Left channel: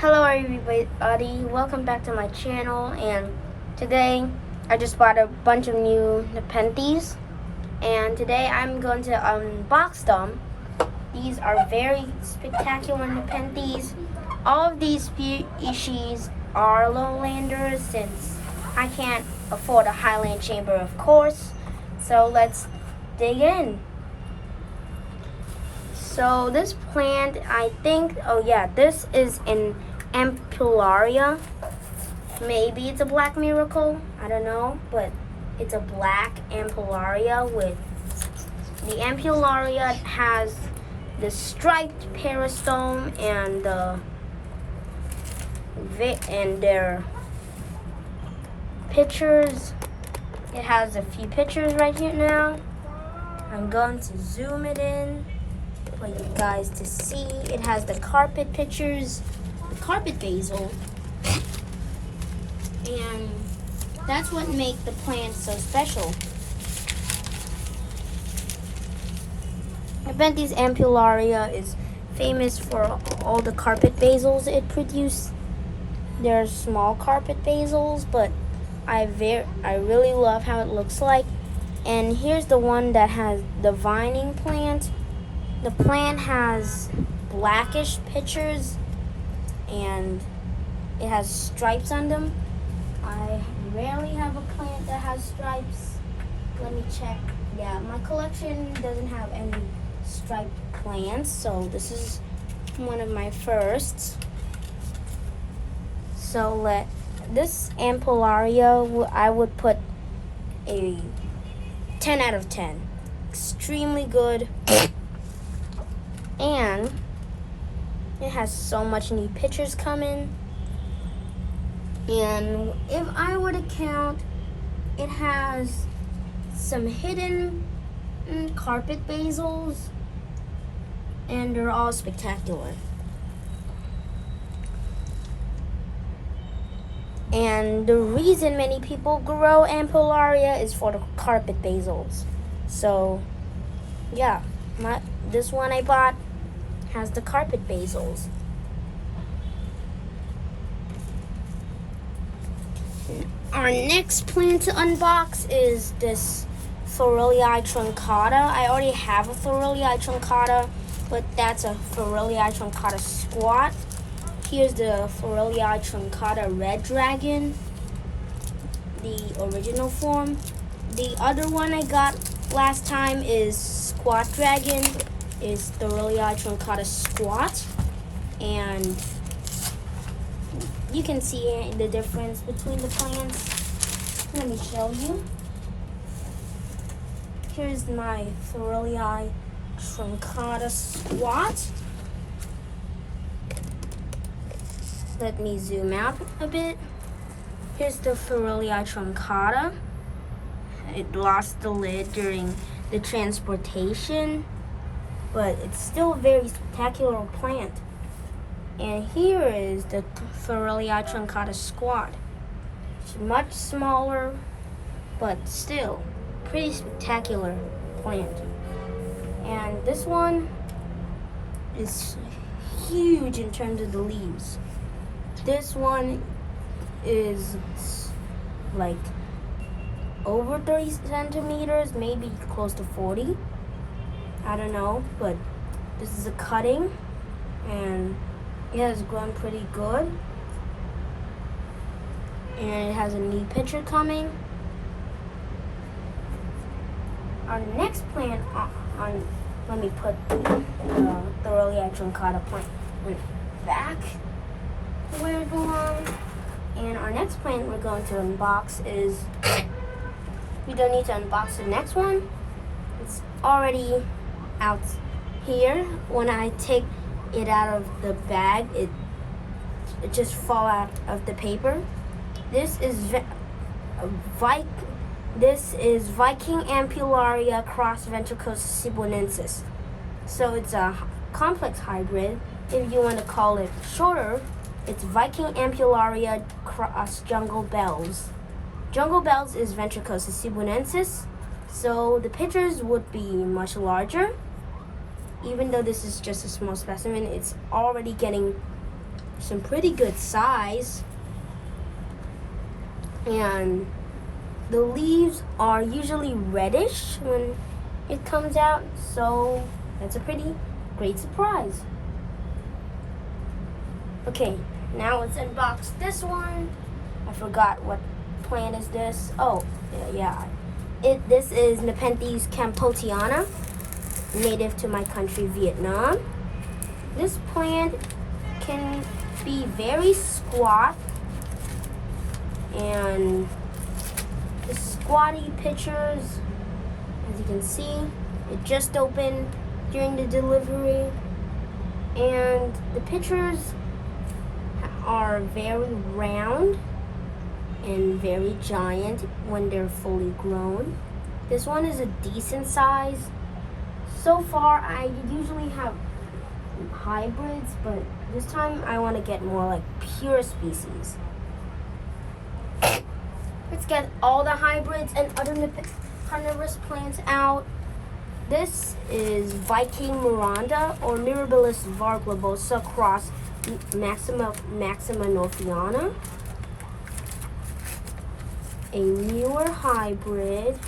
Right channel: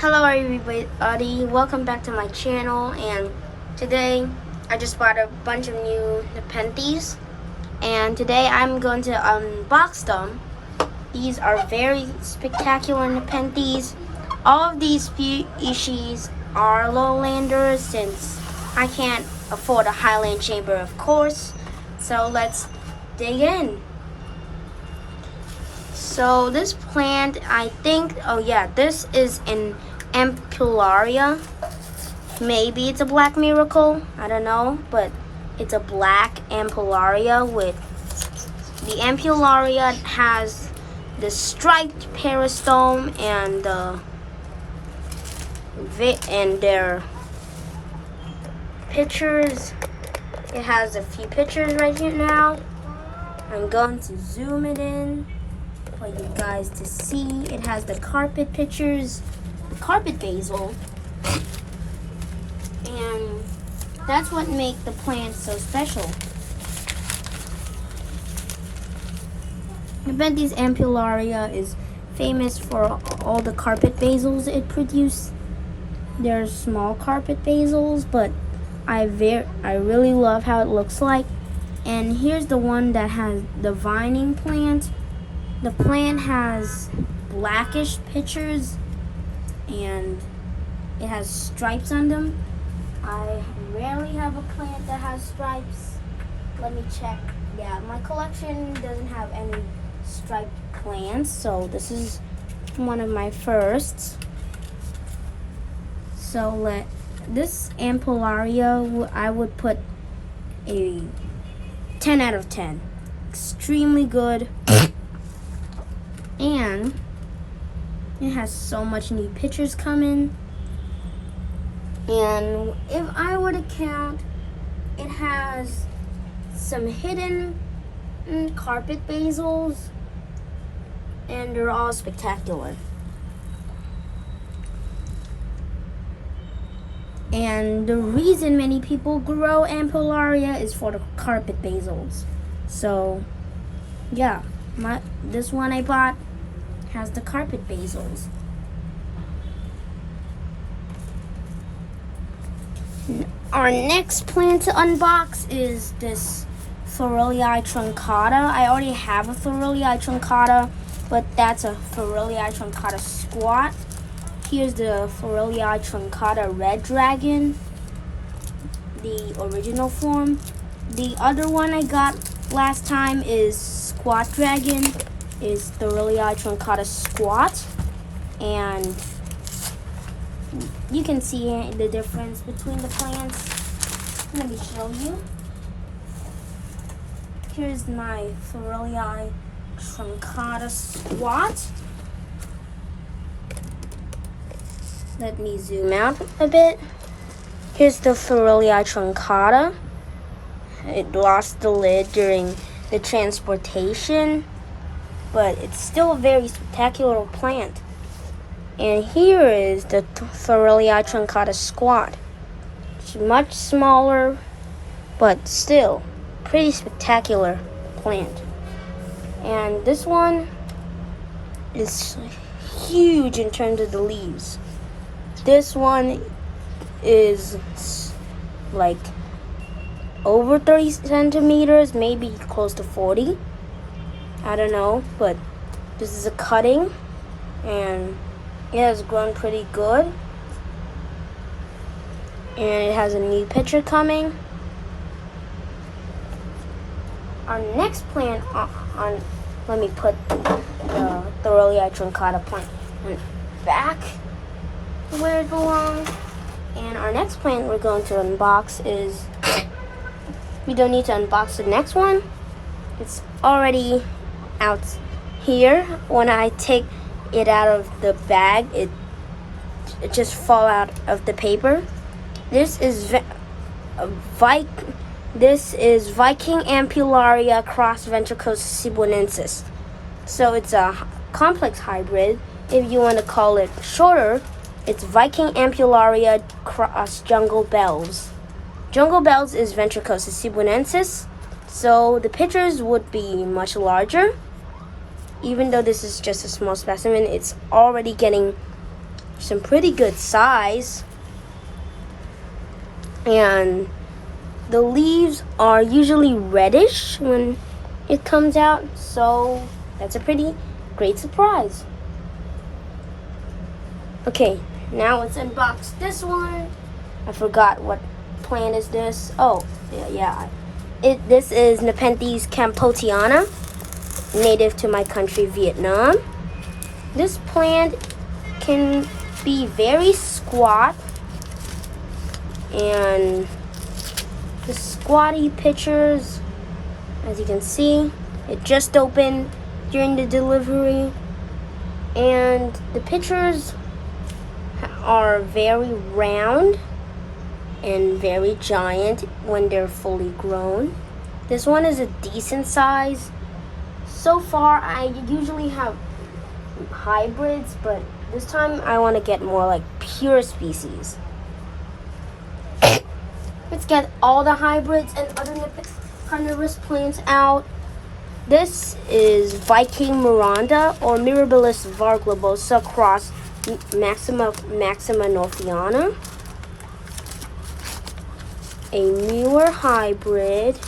Hello everybody, welcome back to my channel, and today I just bought a bunch of new Nepenthes, and today I'm going to unbox them. These are very spectacular Nepenthes. All of these species are lowlanders since I can't afford a highland chamber, of course, so let's dig in. So this plant, I think, this is an Ampullaria. Maybe it's a black miracle, I don't know, but it's a black Ampullaria the Ampullaria has the striped peristome and their pictures. It has a few pictures right here now. I'm going to zoom it in for you guys to see. It has the carpet pictures, the carpet basil, and that's what makes the plant so special. Nepenthes ampullaria is famous for all the carpet basils it produces. They're small carpet basils, but I really love how it looks like. And here's the one that has the vining plant. The plant has blackish pictures and it has stripes on them. I rarely have a plant that has stripes. Let me check. Yeah, my collection doesn't have any striped plants, so this is one of my firsts. So this ampullaria, I would put a 10 out of 10. Extremely good. And it has so much new pictures coming. And if I were to count, it has some hidden carpet basils, and they're all spectacular. And the reason many people grow ampullaria is for the carpet basils. So, yeah, this one I bought has the carpet basils. Our next plant to unbox is this Thorelii truncata. I already have a Thorelii truncata, but that's a Thorelii truncata squat. Here's the Thorelii truncata red dragon, the original form. The other one I got last time is squat dragon, is Thorelii truncata squat, and you can see the difference between the plants. Let me show you. Here's my Thorelii truncata squat. Let me zoom out a bit. Here's the Thorelii truncata. It lost the lid during the transportation, but it's still a very spectacular plant. And here is the Thorelii truncata squat. It's much smaller, but still pretty spectacular plant. And this one is huge in terms of the leaves. This one is like over 30 centimeters, maybe close to 40. I don't know, but this is a cutting, and it has grown pretty good. And it has a new picture coming. Our next plant let me put the Thorelii truncata plant back where it belongs. And our next plant we're going to unbox is, we don't need to unbox the next one. It's already out here. When I take it out of the bag, it just fall out of the paper. This is Viking ampullaria cross ventricosus cebuensis. So it's a complex hybrid. If you want to call it shorter, it's Viking ampullaria cross jungle bells. Jungle bells is ventricosus cebuensis, so the pictures would be much larger. Even though this is just a small specimen, it's already getting some pretty good size. And the leaves are usually reddish when it comes out, so that's a pretty great surprise. Okay, now let's unbox this one. I forgot what plant is this. Oh, yeah. This is Nepenthes campotiana, native to my country, Vietnam. This plant can be very squat, and the squatty pictures, as you can see, it just opened during the delivery, and the pictures are very round and very giant when they're fully grown. This one is a decent size. So far, I usually have hybrids, but this time I want to get more like pure species. Let's get all the hybrids and other carnivorous plants out. This is Viking Miranda or Mirabilis varglobosa cross Maxima northiana. A newer hybrid,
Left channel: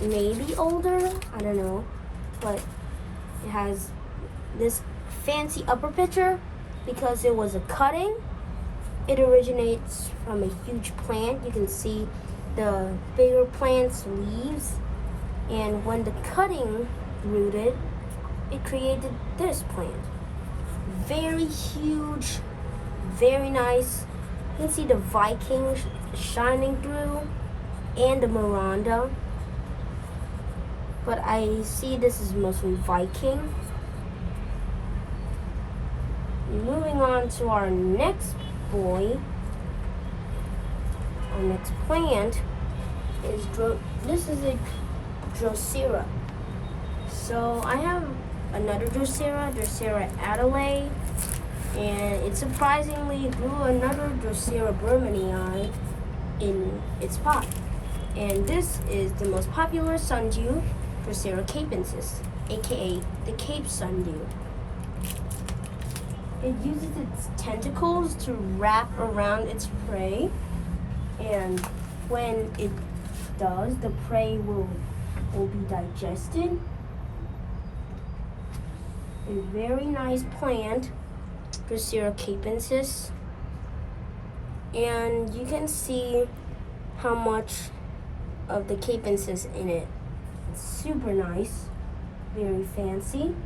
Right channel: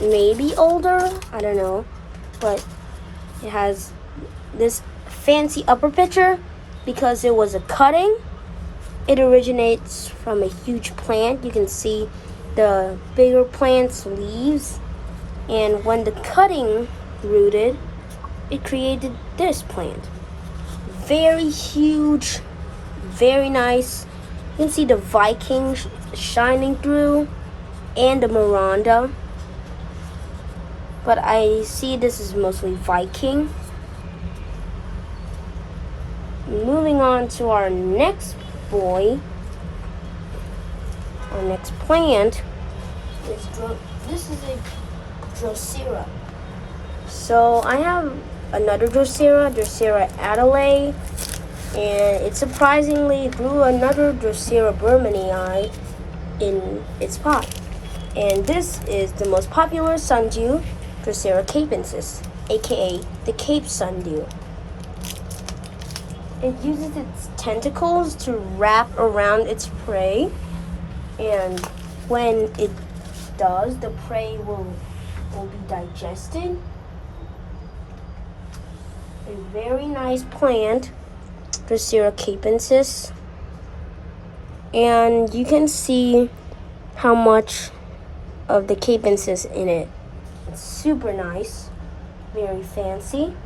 maybe older, I don't know, but it has this fancy upper picture because it was a cutting. It originates from a huge plant. You can see the bigger plant's leaves, and when the cutting rooted, it created this plant. Very huge, very nice. You can see the Viking shining through and the Miranda, but I see this is mostly Viking. Moving on to our next boy. Our next plant is this is a Drosera. So I have another Drosera Adelaide, and it surprisingly grew another Drosera burmannii in its pot. And this is the most popular sundew, Drosera capensis, aka the Cape sundew. It uses its tentacles to wrap around its prey, and when it does, the prey will be digested. A very nice plant, Drosera capensis, and you can see how much of the capensis in it. It's super nice, very fancy.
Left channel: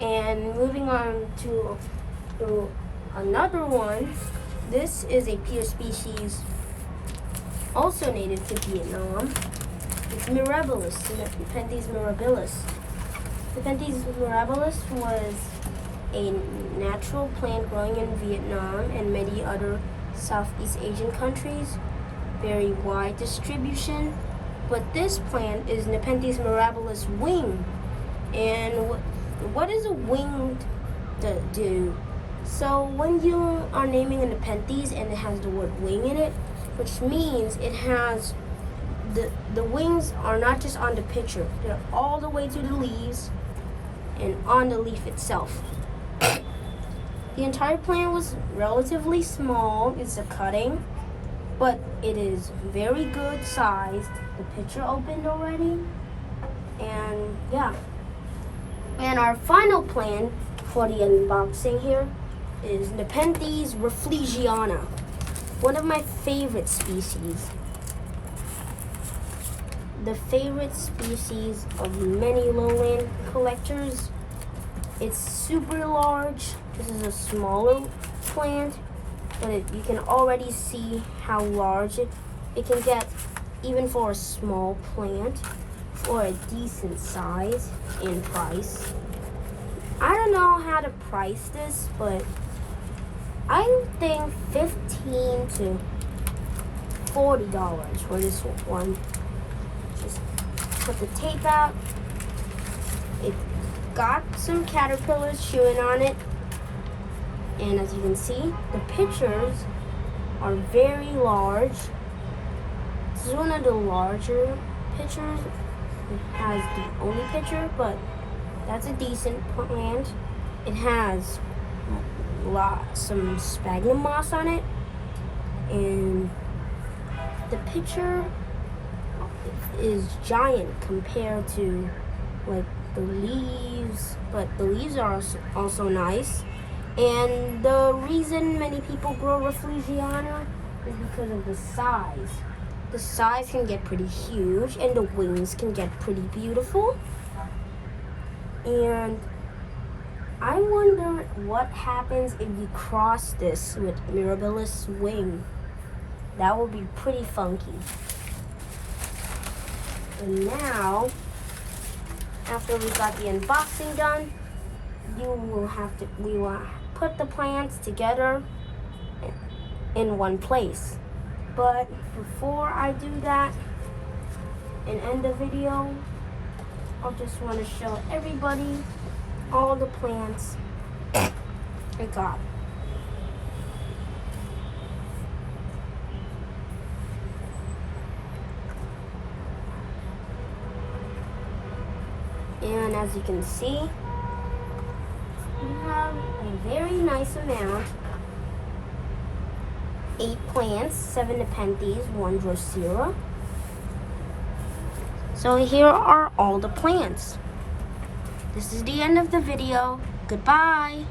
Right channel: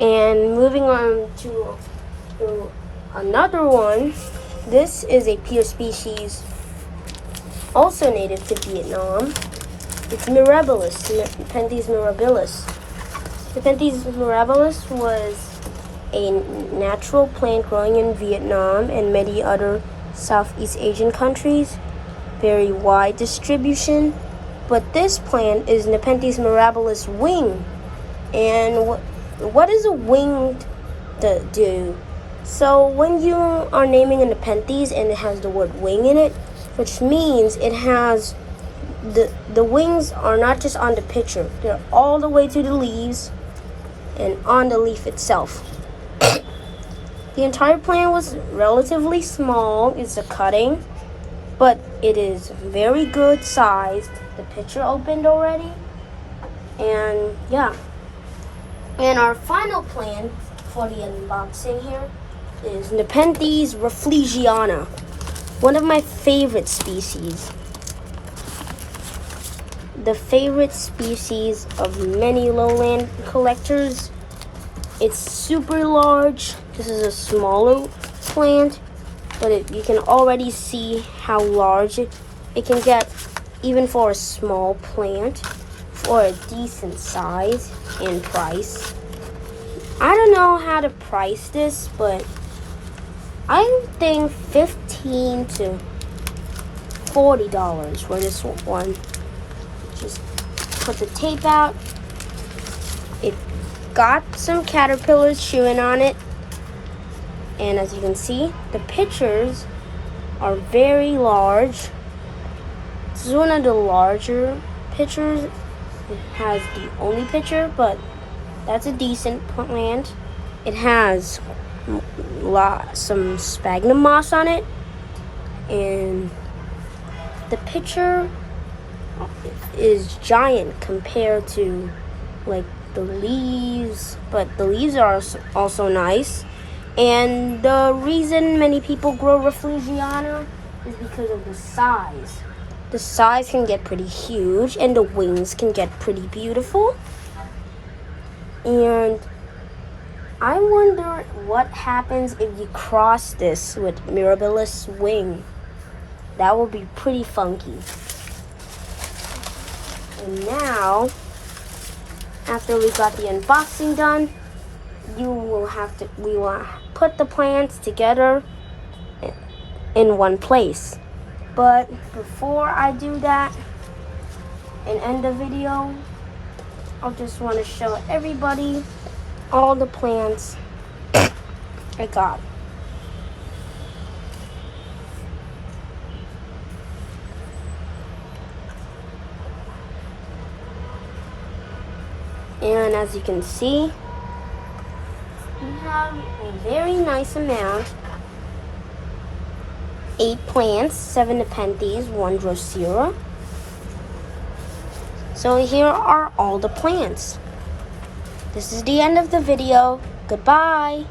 And moving on to another one, this is a pure species, also native to Vietnam. It's Mirabilis, Nepenthes mirabilis. Nepenthes mirabilis was a natural plant growing in Vietnam and many other Southeast Asian countries. Very wide distribution, but this plant is Nepenthes mirabilis wing. And what does a wing do? So when you are naming a Nepenthes and it has the word wing in it, which means it has the wings are not just on the picture, they're all the way to the leaves and on the leaf itself. The entire plant was relatively small. It's a cutting, but it is very good sized. The picture opened already, and yeah. And our final plant for the unboxing here is Nepenthes rafflesiana, one of my favorite species. The favorite species of many lowland collectors. It's super large. This is a smaller plant, but you can already see how large it can get, even for a small plant, for a decent size and price. I don't know how to price this, but I think $15 to $40 for this one. Just put the tape out. It got some caterpillars chewing on it, and as you can see, the pictures are very large. This is one of the larger pictures. It has the only picture, but that's a decent plant. It has some sphagnum moss on it, and the picture is giant compared to like the leaves, but the leaves are also nice. And the reason many people grow Rafflesiana is because of the size. The size can get pretty huge, and the wings can get pretty beautiful. And I wonder what happens if you cross this with Mirabilis wing. That will be pretty funky. And now, after we got the unboxing done, we will put the plants together in one place. But before I do that and end the video, I just want to show everybody all the plants I got. And as you can see, we have a very nice amount. 8 plants, 7 Nepenthes, 1 Drosera. So here are all the plants. This is the end of the video. Goodbye.